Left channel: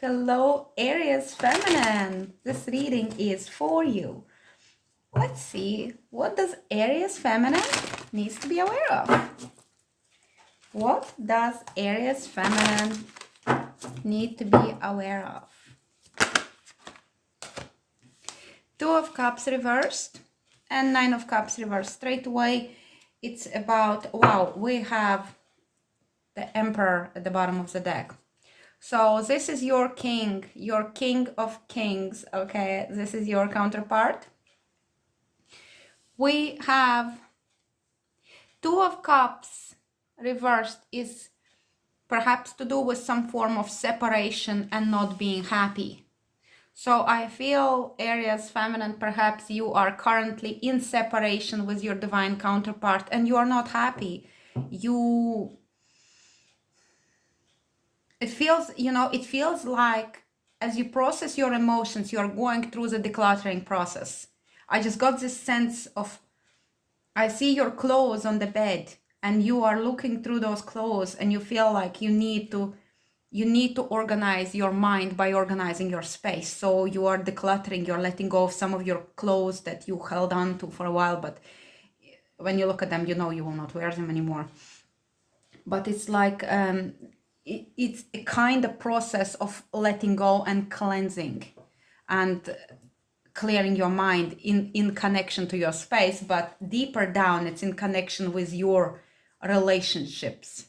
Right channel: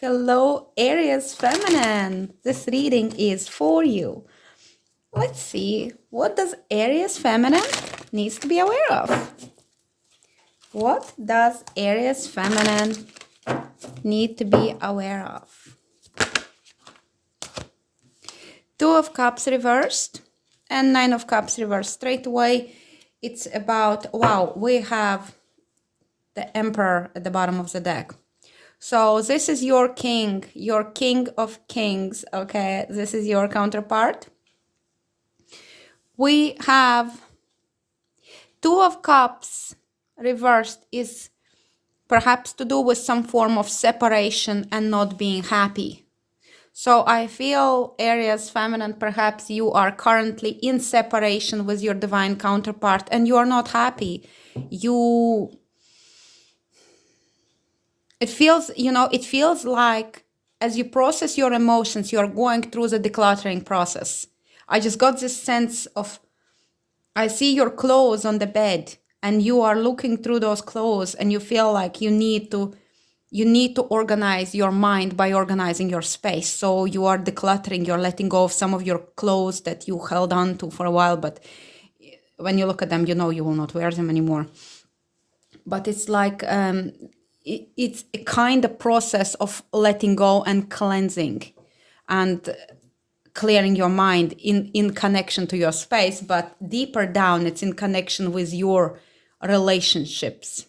Hello, Aries Feminine. This reading is for you. Let's see, what does Aries Feminine needs to be aware of? What does Aries Feminine need to be aware of? Two of Cups reversed and Nine of Cups reversed. Straight away, it's about, wow, we have the Emperor at the bottom of the deck. So this is your king of kings, okay? This is your counterpart. We have Two of Cups reversed is perhaps to do with some form of separation and not being happy. So I feel, Aries Feminine, perhaps you are currently in separation with your divine counterpart and you are not happy. It feels like as you process your emotions, you're going through the decluttering process. I just got this sense of, I see your clothes on the bed and you are looking through those clothes and you feel like you need to organize your mind by organizing your space. So you are decluttering, you're letting go of some of your clothes that you held on to for a while, but when you look at them, you know you will not wear them anymore. But it's like, it's a kind of process of letting go and cleansing and clearing your mind in connection to your space, but deeper down, it's in connection with your relationships.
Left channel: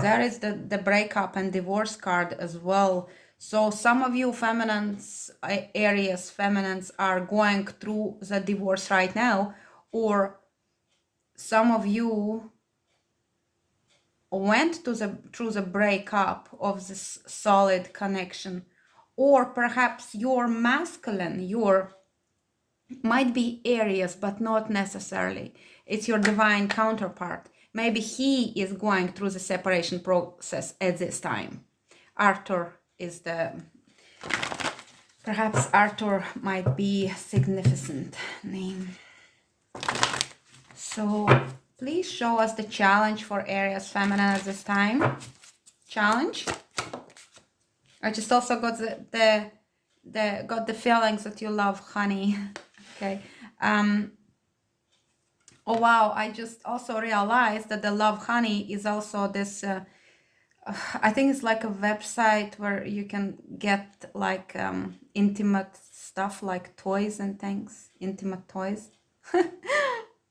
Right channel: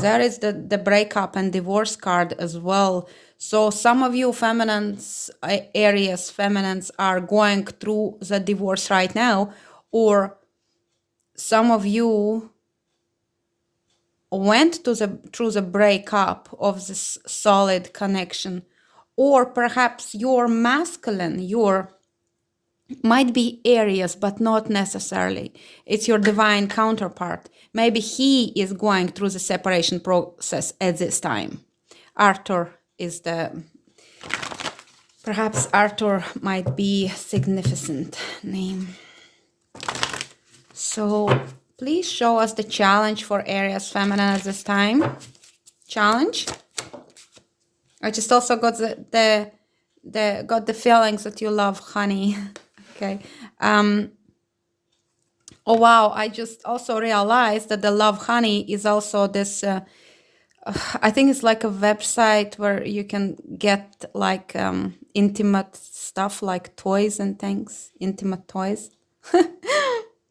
There is the breakup and divorce card as well. So some of you feminines, Aries feminines, are going through the divorce right now, or some of you went through the breakup of this solid connection, or perhaps your masculine, might be Aries, but not necessarily. It's your divine counterpart. Maybe he is going through the separation process at this time. Arthur is perhaps Arthur might be a significant name. So please show us the challenge for Aries Feminine at this time. Challenge. I just also got got the feelings that you love honey. Okay. Oh wow, I just also realized that the Love Honey is also this, I think it's like a website where you can get like intimate stuff like toys and things, intimate toys.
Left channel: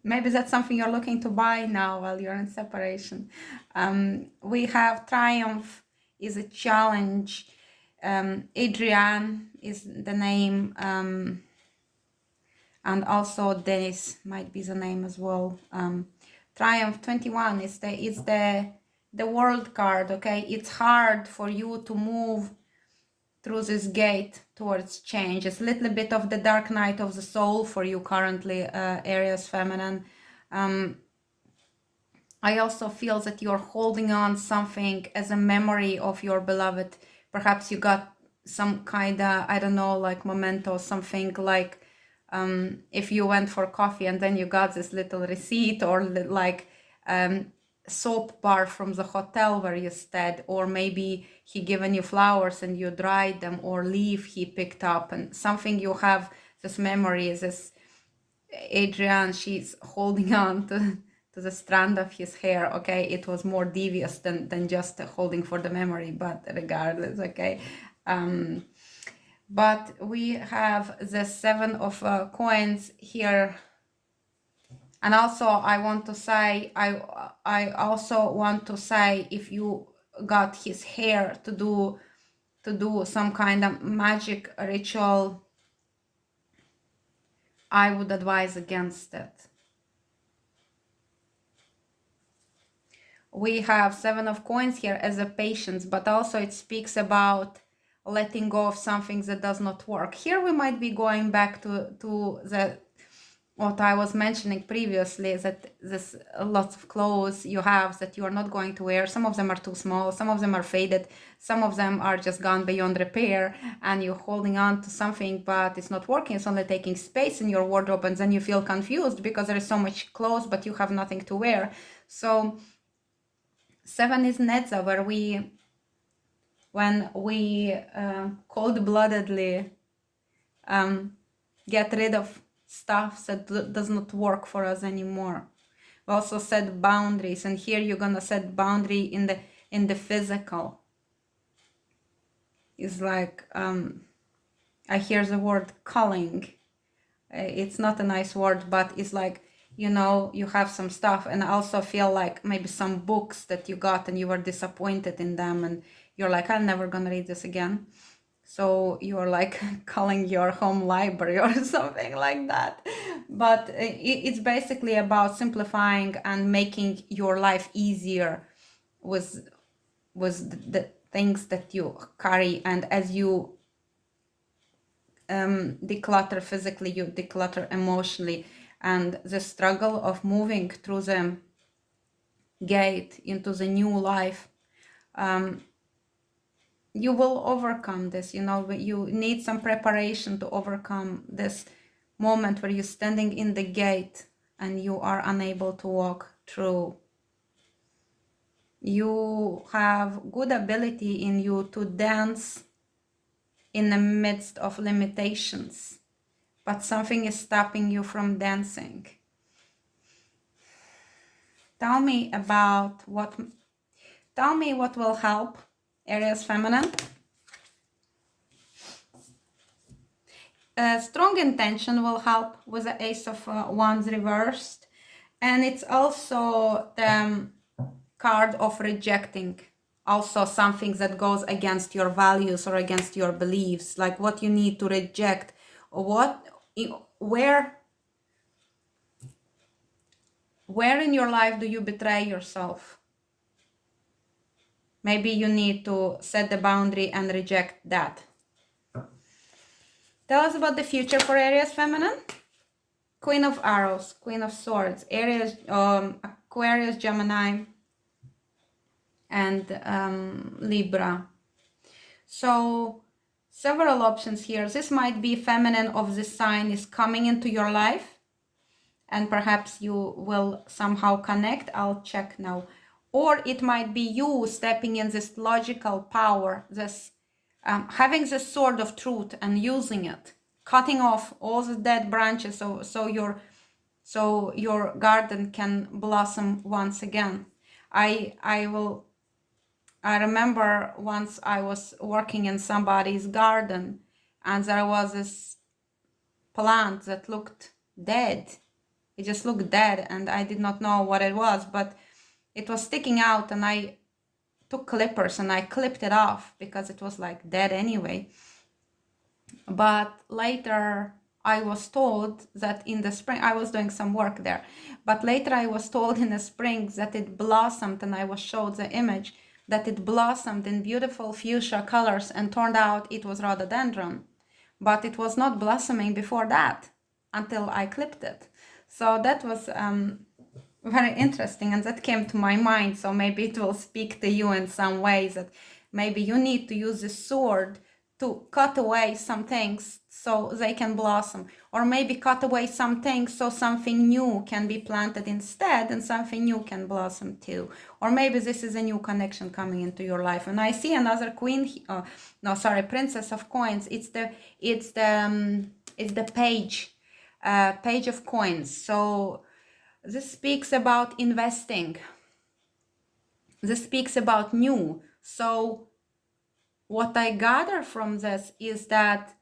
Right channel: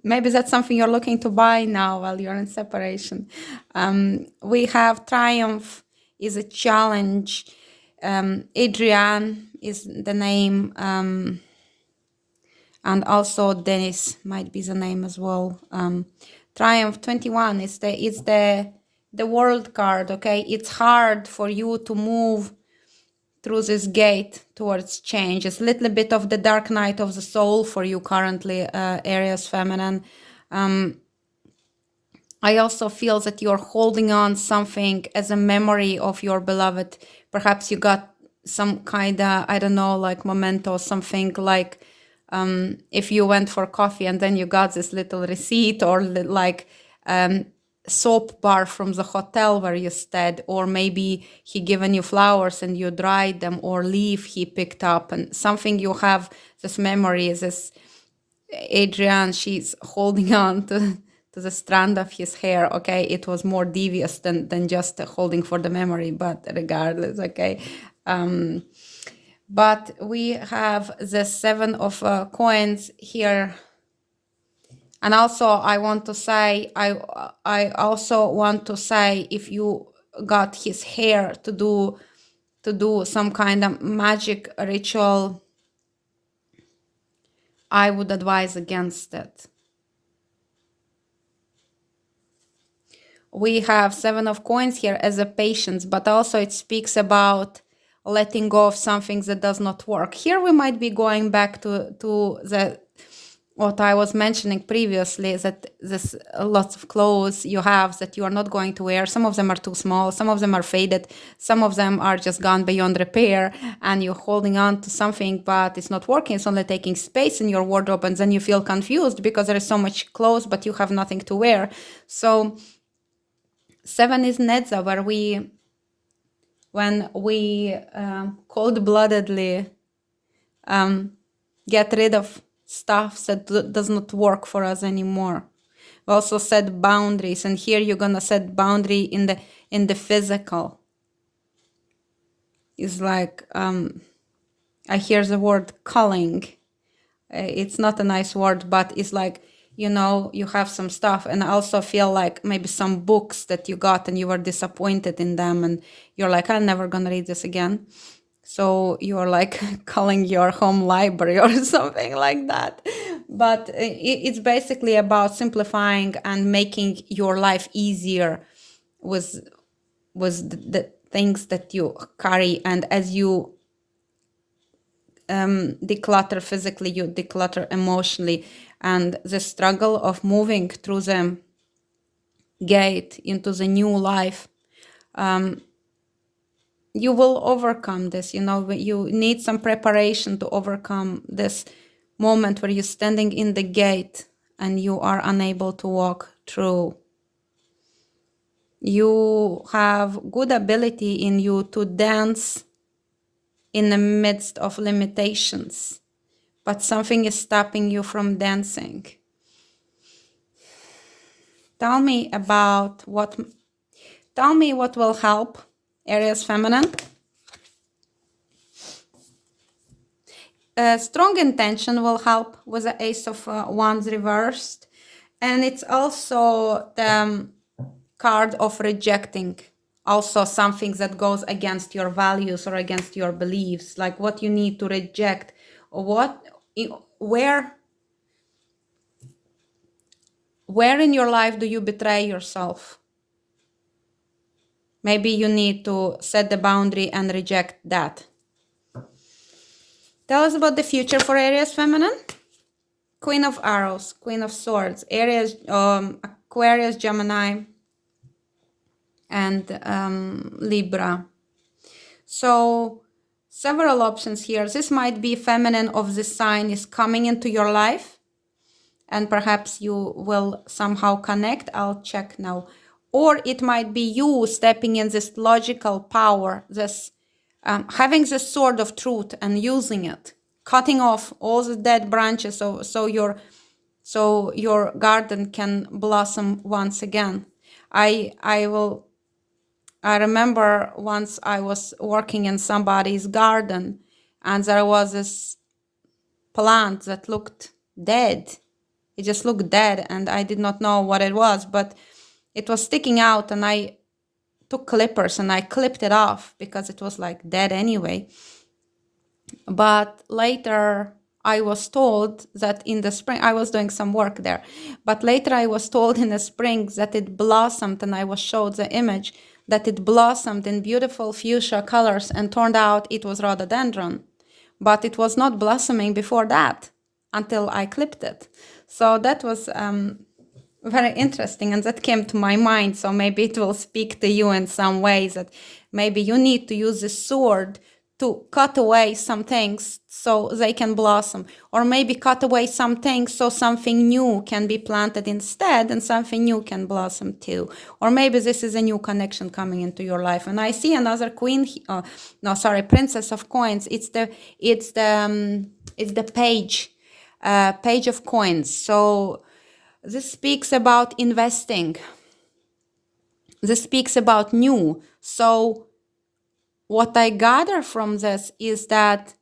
Maybe that's something you're looking to buy now while you're in separation. We have Triumph is a challenge. Adrian is the name. And also Dennis might be the name as well. Triumph 21 is the world card, okay? It's hard for you to move through this gate towards change. It's a little bit of the dark night of the soul for you currently, Aries Feminine. I also feel that you're holding on something as a memory of your beloved. Perhaps you got some kind of, I don't know, like memento, something like if you went for coffee and then you got this little receipt, or like soap bar from the hotel where you stayed, or maybe he given you flowers and you dried them, or leaf he picked up, and something you have this memory is this Adrian, she's holding on to the strand of his hair. Okay, it was more devious than just holding for the memory, but regardless, okay. But we have the Seven of Coins here. And also I want to say, I also want to say, if you got his hair to do some kind of magic ritual, I would advise against it. We have Seven of Coins here as a patience, but also it speaks about letting go of something that does not work. Here we might be going back to the what I was mentioning previously, that there's lots of clothes you have that you are not going to wear. Some of them are too small, some of them are faded, some of them are just gone beyond repair, and you're holding on to something, but it's not working. It's only taking space in your wardrobe, and then you feel confused because there is so much clothes, but you have nothing to wear. So 7 is Nedza, where when we cold-bloodedly get rid of stuff that does not work for us anymore. We also set boundaries, and here you're gonna set boundary in the physical. It's like I hear the word culling. It's not a nice word, but it's like, you know, you have some stuff, and I also feel like maybe some books that you got and you were disappointed in them, and you're like, I'm never gonna read this again. So you're like calling your home library or something like that. But it's basically about simplifying and making your life easier with the things that you carry. And as you declutter physically, you declutter emotionally. And the struggle of moving through the gate into the new life, you will overcome this. You know, you need some preparation to overcome this moment where you're standing in the gate and you are unable to walk through. You have good ability in you to dance in the midst of limitations, but something is stopping you from dancing. Tell me what will help, Aries feminine. Strong intention will help with the Ace of Wands reversed. And it's also the card of rejecting. Also something that goes against your values or against your beliefs, like what you need to reject, or where in your life do you betray yourself? Maybe you need to set the boundary and reject that. Tell us about the future for Aries feminine. Queen of Arrows, Queen of Swords, Aries, Aquarius, Gemini, and Libra. So several options here. This might be feminine of this sign is coming into your life, and perhaps you will somehow connect. I'll check now. Or it might be you stepping in this logical power, this having this sword of truth and using it, cutting off all the dead branches so your garden can blossom once again. I remember once I was working in somebody's garden, and there was this plant that looked dead. It just looked dead, and I did not know what it was, but it was sticking out, and I took clippers and I clipped it off because it was like dead anyway. But later I was told that in the spring, I was doing some work there, but later I was told in the spring that it blossomed, and I was showed the image that it blossomed in beautiful fuchsia colors, and turned out it was rhododendron, but it was not blossoming before that until I clipped it. So that was very interesting, and that came to my mind. So maybe it will speak to you in some ways, that maybe you need to use the sword to cut away some things so they can blossom, or maybe cut away some things so something new can be planted instead, and something new can blossom too. Or maybe this is a new connection coming into your life. And I see another queen, Princess of Coins. It's the page of coins. So this speaks about investing. This speaks about new. So what I gather from this is that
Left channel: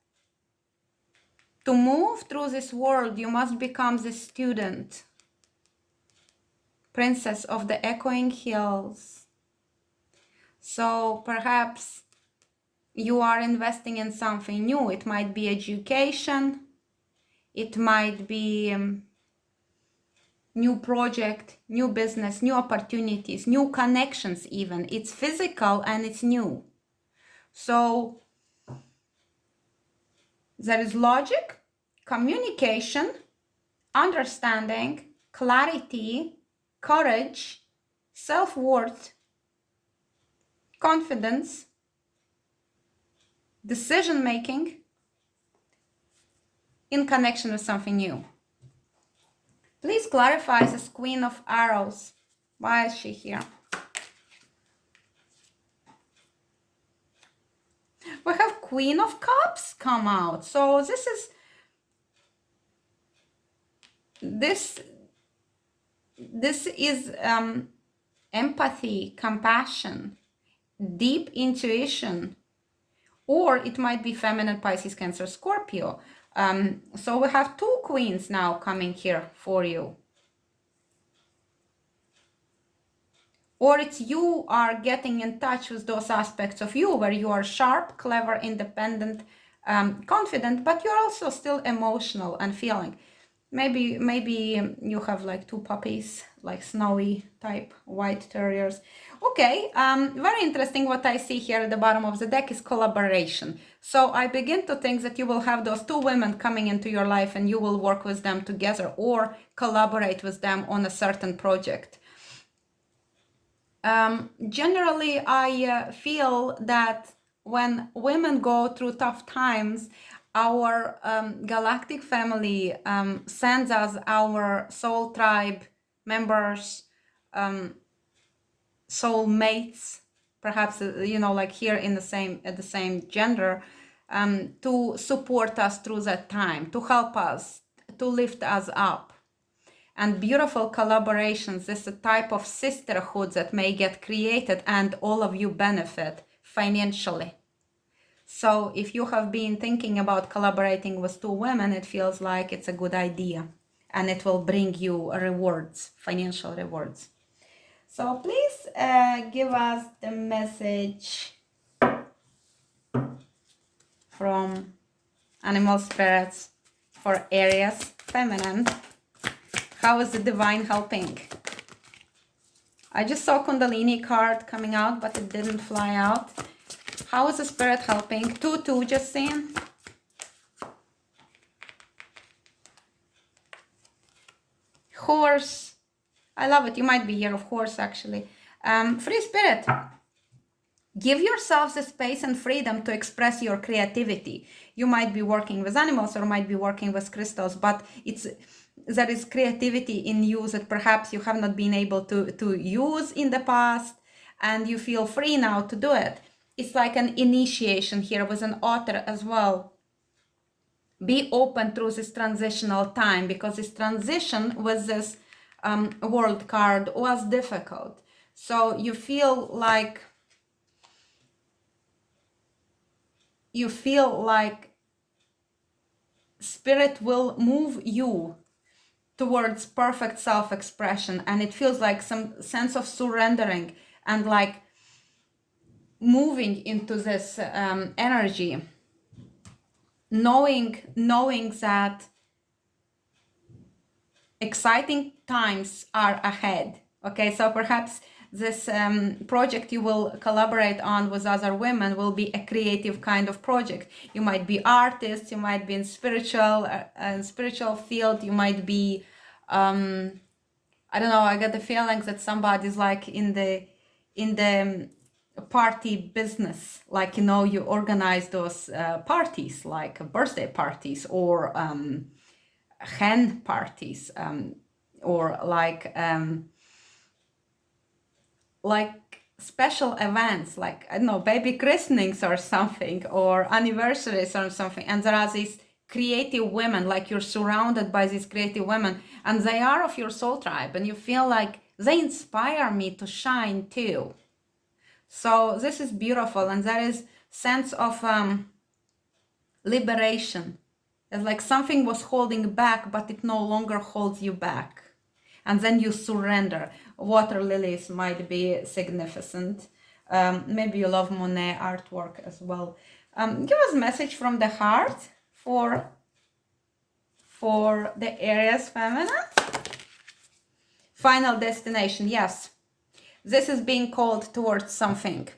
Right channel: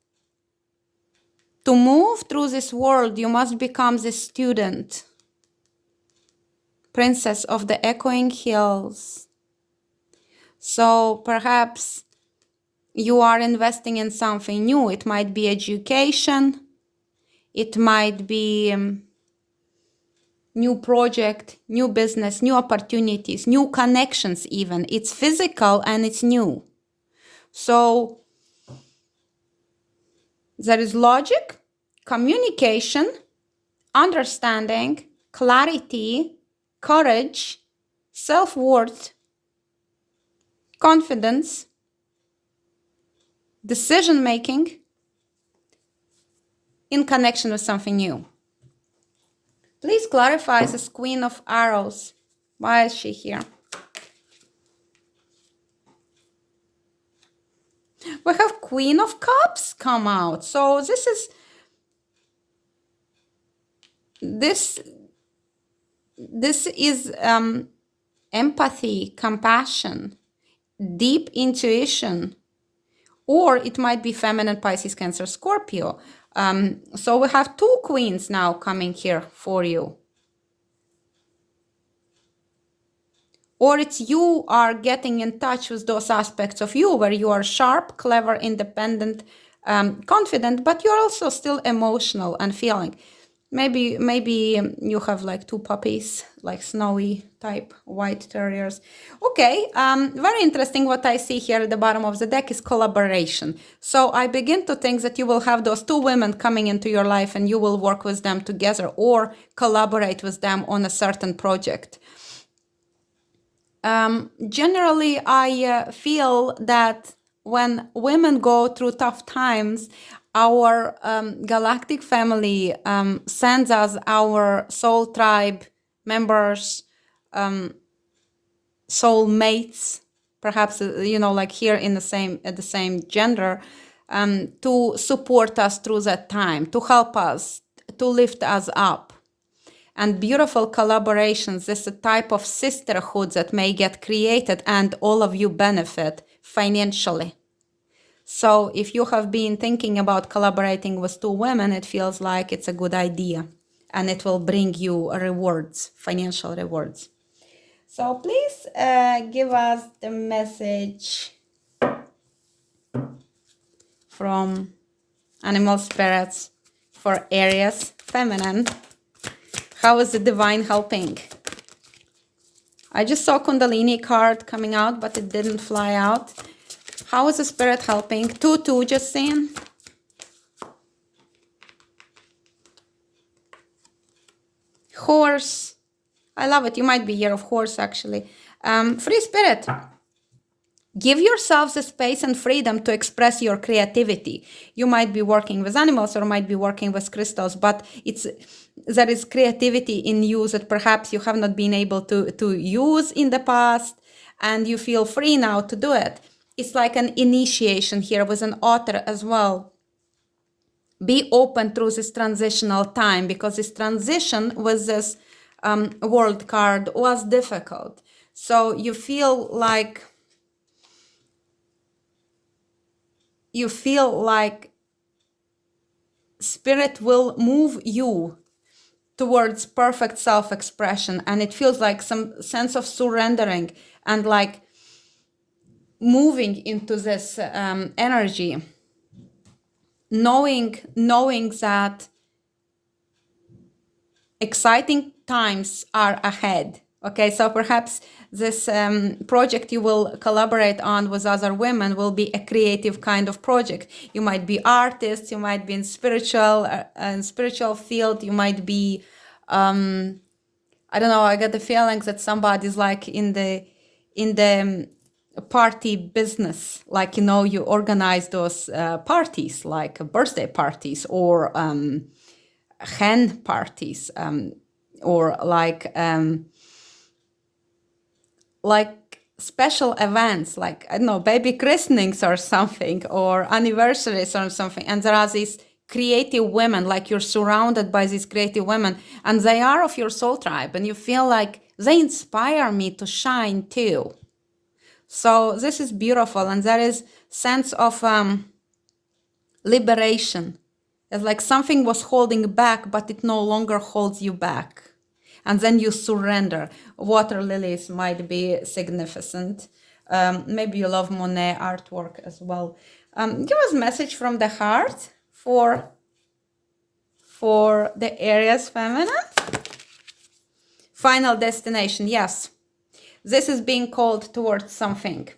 to move through this world, you must become the student, princess of the echoing hills. So perhaps you are investing in something new. It might be education. It might be new project, new business, new opportunities, new connections even. It's physical and it's new. So there is logic, communication, understanding, clarity, courage, self-worth, confidence, decision-making in connection with something new. Please clarify this Queen of Arrows. Why is she here? Queen of Cups come out. So this is empathy, compassion, deep intuition, or it might be feminine, Pisces, Cancer, Scorpio. So we have two queens now coming here for you. Or it's you are getting in touch with those aspects of you where you are sharp, clever, independent, confident, but you're also still emotional and feeling. Maybe you have like two puppies, like snowy type white terriers. Okay, very interesting. What I see here at the bottom of the deck is collaboration. So I begin to think that you will have those two women coming into your life and you will work with them together or collaborate with them on a certain project. Generally, I feel that when women go through tough times, our galactic family sends us our soul tribe members, soul mates, perhaps, like here in the same gender, to support us through that time, to help us, to lift us up. And beautiful collaborations, this is a type of sisterhood that may get created and all of you benefit financially. So if you have been thinking about collaborating with two women, it feels like it's a good idea and it will bring you rewards, financial rewards. So please give us the message from animal spirits for Aries, feminine. How is the divine helping? I just saw Kundalini card coming out, but it didn't fly out. How is the spirit helping? 2-2, just saying. Horse. I love it. You might be here of horse, actually. Free spirit. Give yourselves the space and freedom to express your creativity. You might be working with animals or might be working with crystals, but there is creativity in you that perhaps you have not been able to use in the past, and you feel free now to do it. It's like an initiation here with an author as well. Be open through this transitional time, because this transition with this world card was difficult. So you feel like spirit will move you towards perfect self-expression, and it feels like some sense of surrendering and like moving into this energy, knowing that exciting times are ahead. Okay, so perhaps this project you will collaborate on with other women will be a creative kind of project. You might be artists, you might be in spiritual field, you might be I don't know, I get the feeling that somebody's like in the party business, like, you organize those parties, like birthday parties or hen parties, or like special events, like, I don't know, baby christenings or something, or anniversaries or something. And there are these creative women, like you're surrounded by these creative women, and they are of your soul tribe, and you feel like they inspire me to shine too. So this is beautiful, and there is sense of liberation. It's like something was holding back, but it no longer holds you back. And then you surrender. Water lilies might be significant. Maybe you love Monet artwork as well. Give us a message from the heart for the Aries feminine. Final destination, yes. This is being called towards something.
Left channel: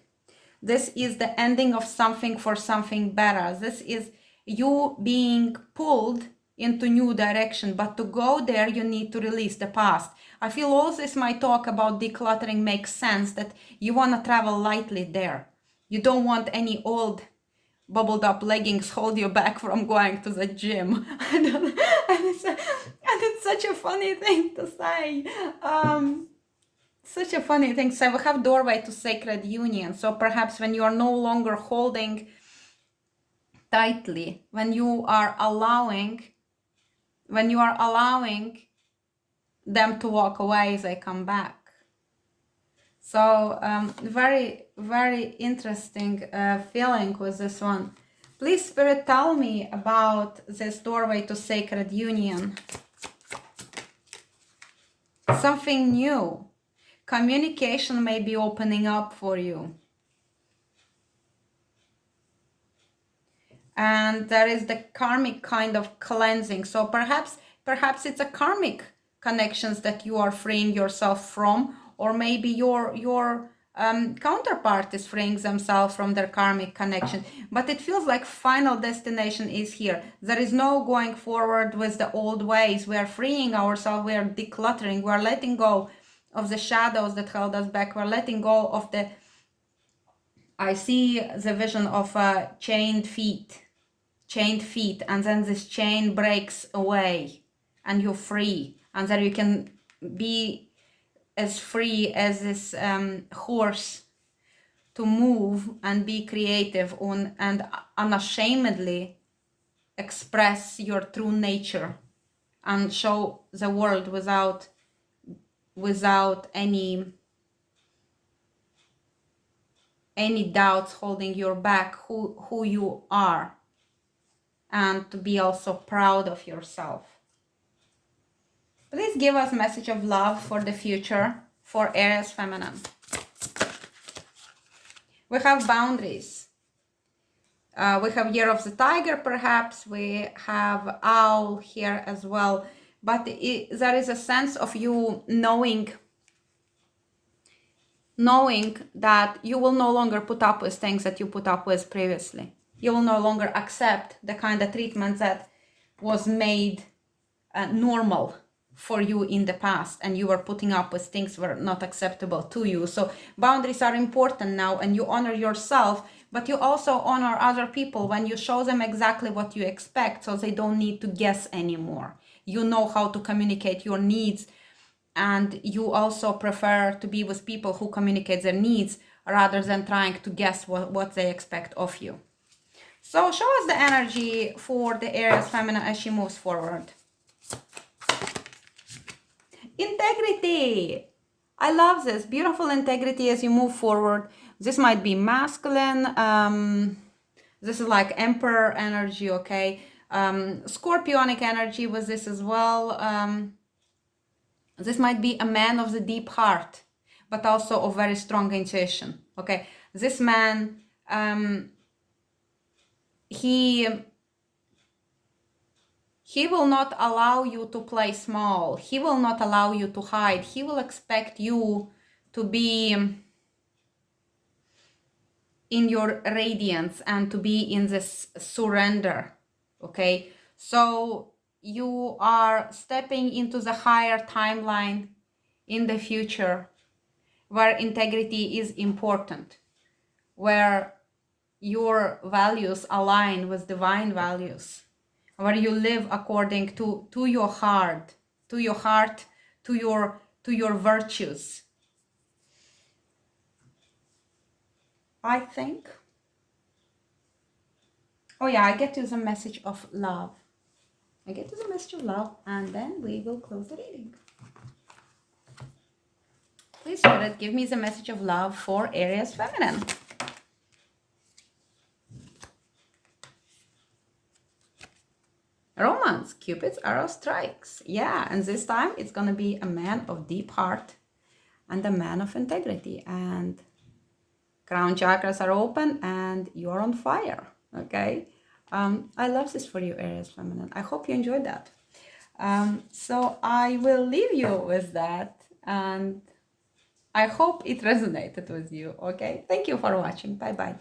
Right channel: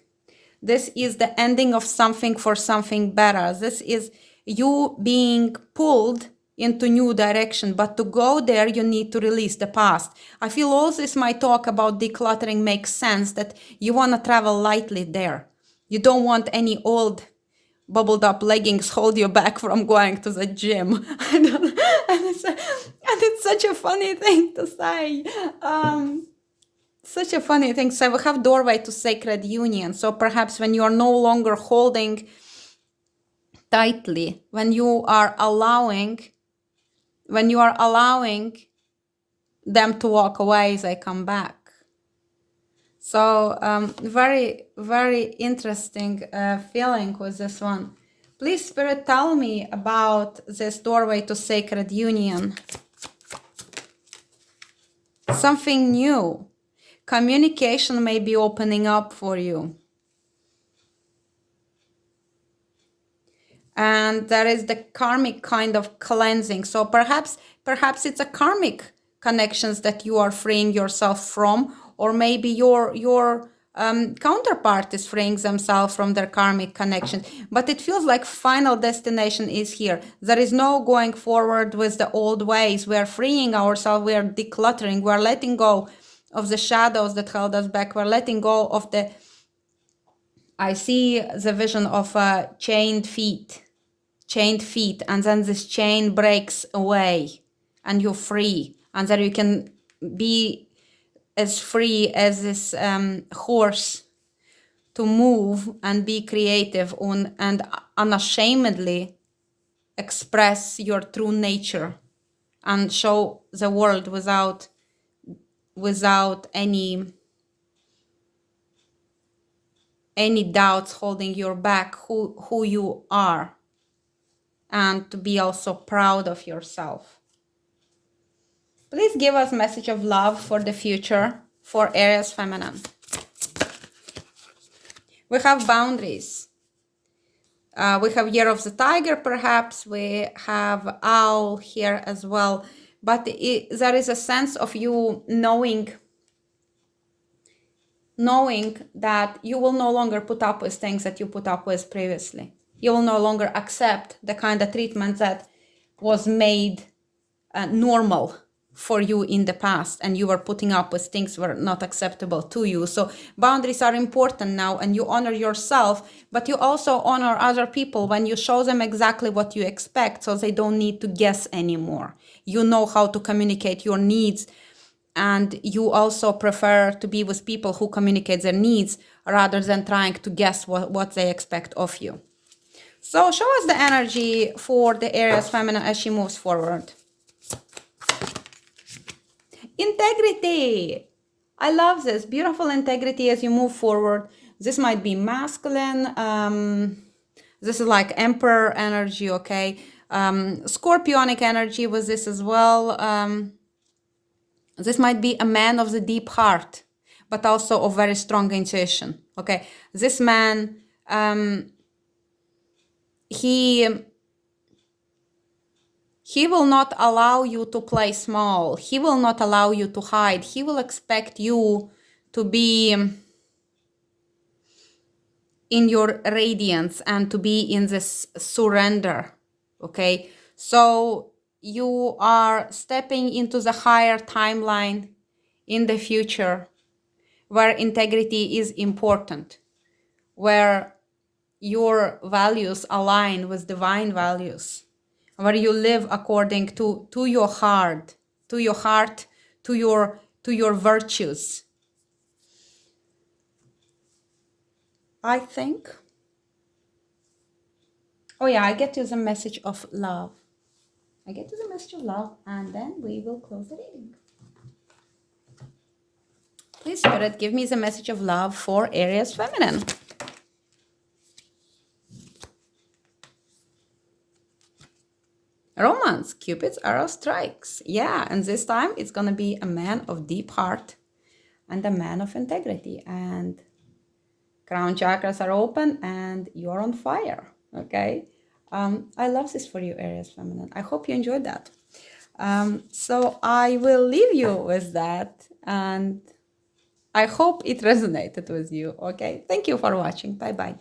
This is the ending of something for something better. This is you being pulled into new direction, but to go there, you need to release the past. I feel all this, my talk about decluttering makes sense, that you want to travel lightly there. You don't want any old bubbled up leggings hold you back from going to the gym. And it's such a funny thing to say. Such a funny thing. So we have doorway to sacred union. So perhaps when you are no longer holding tightly, when you are allowing them to walk away, they come back. So very, very interesting feeling with this one. Please, Spirit, tell me about this doorway to sacred union. Something new. Communication may be opening up for you. And there is the karmic kind of cleansing. So perhaps it's a karmic connections that you are freeing yourself from, or maybe your counterpart is freeing themselves from their karmic connection. But it feels like final destination is here. There is no going forward with the old ways. We are freeing ourselves. We are decluttering. We are letting go of the shadows that held us back. We're letting go of the, I see the vision of chained feet, and then this chain breaks away and you're free, and then you can be as free as this horse to move and be creative and unashamedly express your true nature and show the world without any doubts holding you back who you are, and to be also proud of yourself. Please give us a message of love for the future for Aries feminine. We have boundaries. We have Year of the Tiger, perhaps. We have Owl here as well. But there is a sense of you knowing that you will no longer put up with things that you put up with previously. You will no longer accept the kind of treatment that was made normal for you in the past, and you were putting up with things were not acceptable to you. So boundaries are important now, and you honor yourself, but you also honor other people when you show them exactly what you expect, so they don't need to guess anymore. You know how to communicate your needs, and you also prefer to be with people who communicate their needs rather than trying to guess what they expect of you. So show us the energy for the Aries feminine as she moves forward. Integrity. I love this. Beautiful integrity as you move forward. This might be masculine. This is like emperor energy, okay? Scorpionic energy with this as well. This might be a man of the deep heart, but also of very strong intuition, okay? This man, he will not allow you to play small. He will not allow you to hide. He will expect you to be in your radiance and to be in this surrender, okay? So you are stepping into the higher timeline in the future where integrity is important, where your values align with divine values, where you live according to your heart, to your virtues. I think. Oh yeah, I get to the message of love. I get to the message of love, and then we will close the reading. Please, Spirit, give me the message of love for Aries feminine. Romance, Cupid's arrow strikes. Yeah, and this time it's going to be a man of deep heart and a man of integrity. And crown chakras are open and you're on fire, okay? I love this for you, Aries feminine. I hope you enjoyed that. So I will leave you with that, and I hope it resonated with you, okay? Thank you for watching. Bye-bye.